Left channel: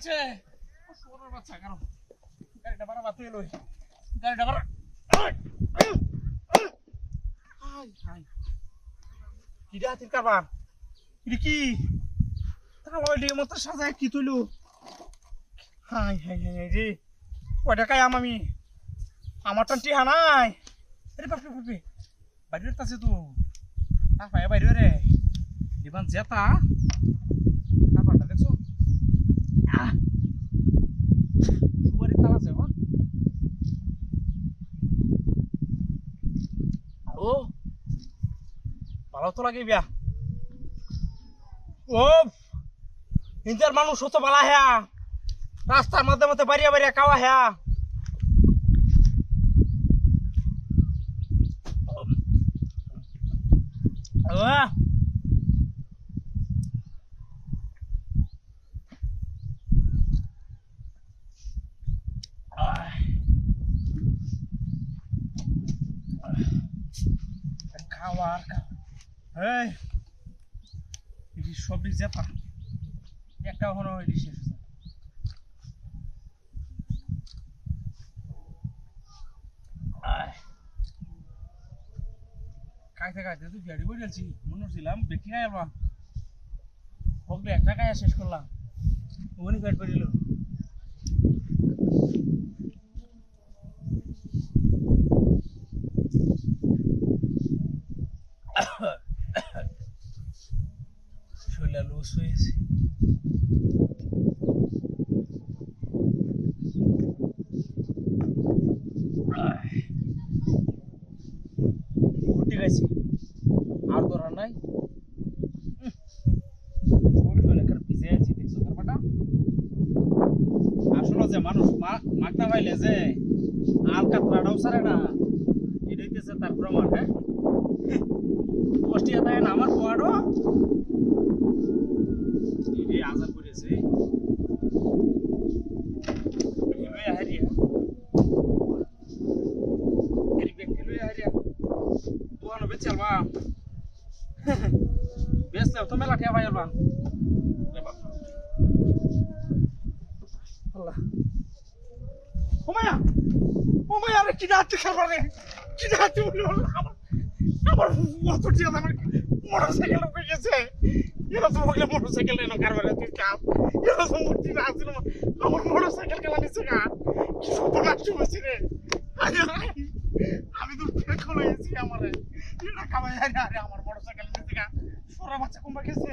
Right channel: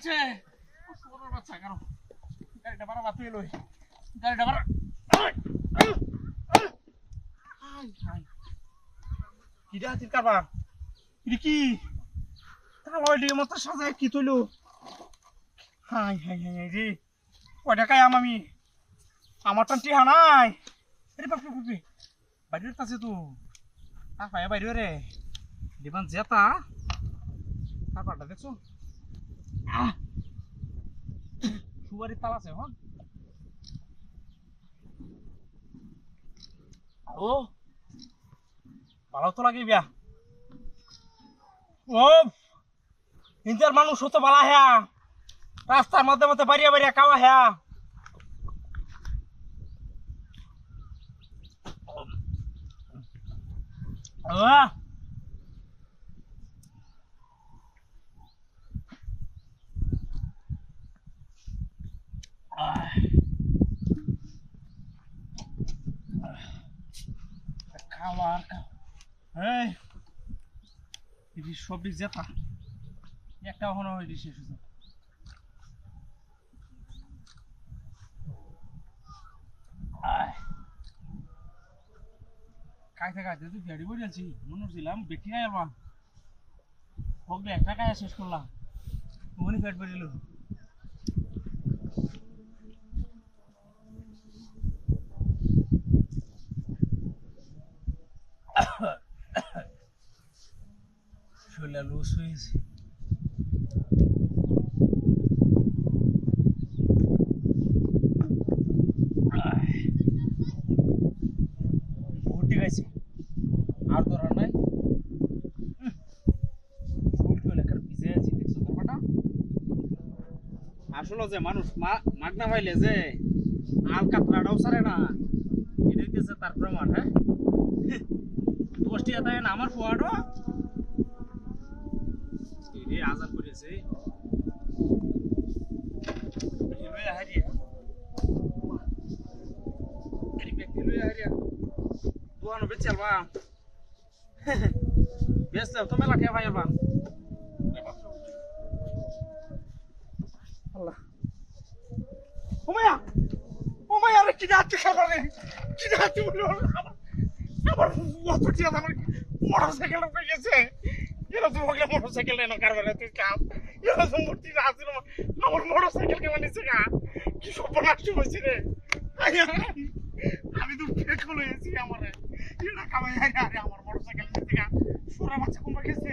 আছে শুয়োরের বাচ্চা কেন গাড়িটা ভাড়া বাতিল লই গাড়িটা ভাড়া কিরা হাতির কারবার এটা কি তাহলে ওই মতো সাজায় কি তুইলো হাই হাই হাই রে কয়টা কায়াম আমি আমার তো টিহা নাই রে বাপরে বাপরে বাইরে আছে তো আর পায়ে বাইরে রে দিবান জেতা কারবারটা দেখছো সুপারির তাল আছে হন ও ভালো তো লাগে বিয়া ও ইন্টার মানুষ হতো বালা হ্যা রাস্তার মধ্যে মধ্যে বাড়িয়া বাড়িয়া খাওয়া হ্যা খাওয়ার এই এটি সবজি জেতা একটা হলো এটি শেষ হয়েছে খাইতে খাইতে তুই গাড়ি বই যাচ্ছি মনে হচ্ছিলাম বেটি নাই আলবা হোক একটা খাইয়া শেষ করলাম উনি পেট বেরিল শরীরটা লুজ হয়েছে ঠিক আছে আর দরকার নাই আসলে যে মানুষ মারতে পাইলে যে আল কাতরাটাও সারে না এটা হইতেছে তার প্রমাণ হ্যাঁ দোষটি এটা না আমার পোয়াডো এই আজাদ করেছে হারিয়া এই ব্যক্তি লই হারিয়া দোয়ানো বেচালবা বেশ তো মেলা খেয়ে ভাইবা আল্লাহ ওমায়া রে কি যাচ্ছে খাবার রে কি যাচ্ছে বলে আমার মোটরটি আমার মোটরসাইকেল উঠে গেছে এরা তো বলে মোটরসাইকেল এনে কারবারে তুই কাম এরা তো মূর্তি আছে আমার মোটরসাইকেল কেমন নিচ্ছে গা কি সর্বনাশ হয়েছে রে আমি তো ফেক হয়েছি আমার এটা কামাই আরে আমার মোটরসাইকেল নিচ্ছে গা সোরা বাচ্চা কোনবা গেছে